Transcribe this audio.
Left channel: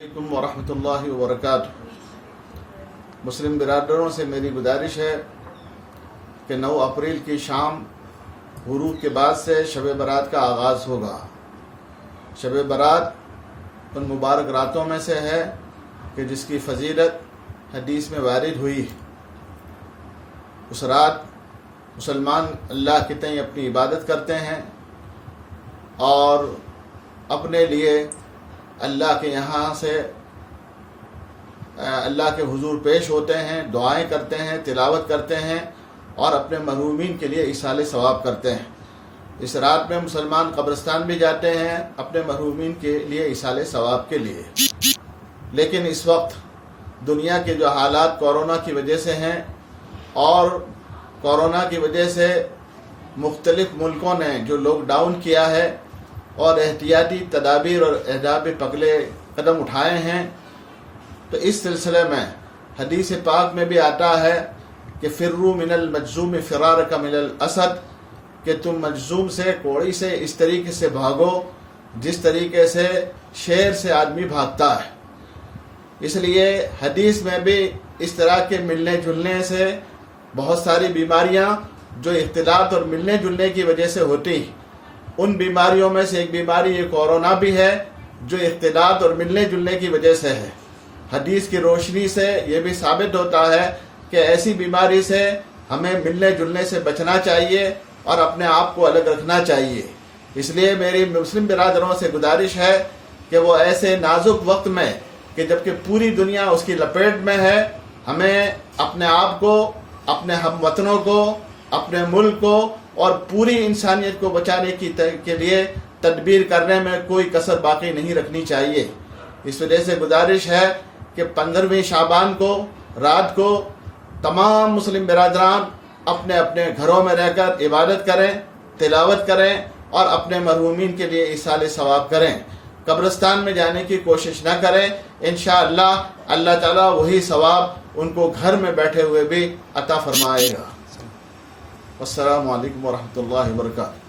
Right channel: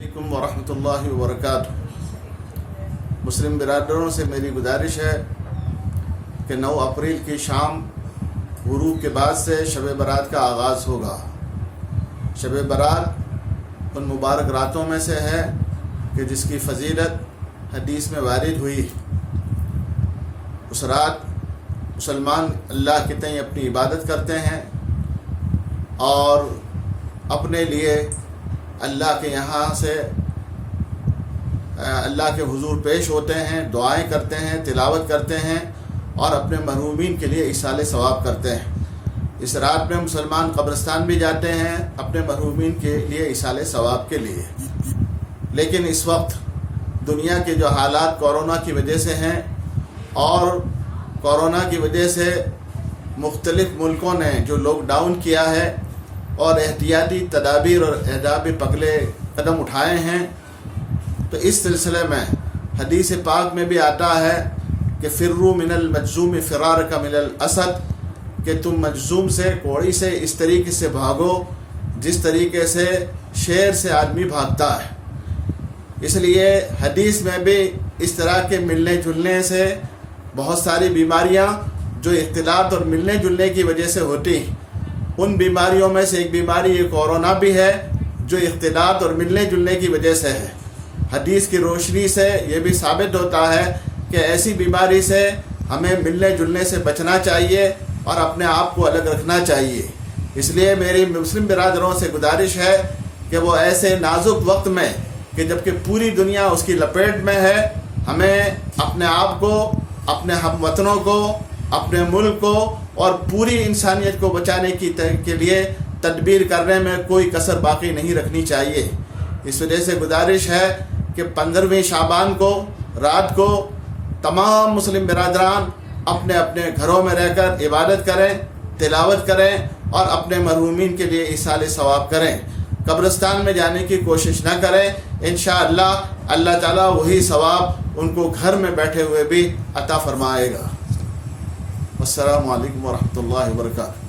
علیکم ورحمۃ اللہ وبرکاتہ۔ مسلم برادروں سے میری گزارش ہے کہ 9 اپریل کی شام غروب کے بعد سے شب برات کا آغاز ہوگا۔ شب برات ان مبارک راتوں میں سے ہے کہ جس کی فضیلت حدیث میں وارد ہوئی۔ اس رات مسلمان اللہ کے تئیں اپنی عبادت کرتے ہیں اور اپنے لیے اللہ کے یہاں سے اللہ کے حضور پیش ہوتے ہیں، دعائیں کرتے ہیں، تلاوت کرتے ہیں اور اپنے محرومین کے لیے ایصال ثواب کرتے ہیں۔ اس رات میں مسلمان قبرستان بھی جاتے ہیں اپنے محرومین کے لیے ایصال ثواب کے لیے۔ لیکن اس وقت دنیا کے جو حالات کورونا کی وجہ سے ہیں اور کورونا کی وجہ سے مختلف ملکوں نے جو لاک ڈاؤن کیا ہے اور احتیاطی تدابیر اور احتیاطی پگلے قدم اٹھائے ہیں، تو اس سلسلے میں حدیث پاک میں بھی آتا ہے کہ فروا من المجذوم فرارک من الاسد، کہ تم مجذوم سے، کوڑی سے اس طریقے سے بھاگو جس طریقے سے شیر سے آدمی بھاگتا ہے۔ اس لیے حدیث میں بھی اس طرح کے ملنے جلنے سے بہت ساری بیماریاں جو اختلاط اور ملنے جلنے کی وجہ سے ہوتی، ان بیماریوں میں سے ایک بیماری یہ کورونا بھی ہے جو اختلاط اور ملنے جلنے کی وجہ سے ہے۔ حدیث کی روشنی سے یہ بھی ثابت ہوتا ہے کہ ایسی بیماری سے ہمیں ملنے جلنے سے بچنا چاہیے اور اپنے آپ کو الگ رکھنا چاہیے۔ اس لیے میری مسلم برادروں سے گزارش ہے کہ وہ ایسے نازک وقت میں کہ جبکہ پوری دنیا اس کی لپیٹ میں ہے، ہمیں اپنے آپ کو، اپنے ہم وطنوں کو، اپنے ملک کو اور پوری انسانیت کو بچانے کے لیے تدبیر کرنے میں کوئی کسر باقی نہیں رکھنی چاہیے۔ اس وجہ سے گزارش ہے کہ 15ویں شعبان کو رات کو تمام مسلم برادران اپنے اپنے گھروں میں رہ کر عبادت کریں، تلاوت کریں اور اپنے مرحومین کے لیے ایصال ثواب کریں۔ قبرستان میں جانے کی کوشش نہ کریں، انشاءاللہ اللہ تعالیٰ وہی ثواب ان کو گھر میں بیٹھے ہوئے بھی عطا فرمائے گا۔ السلام علیکم ورحمۃ اللہ وبرکاتہ۔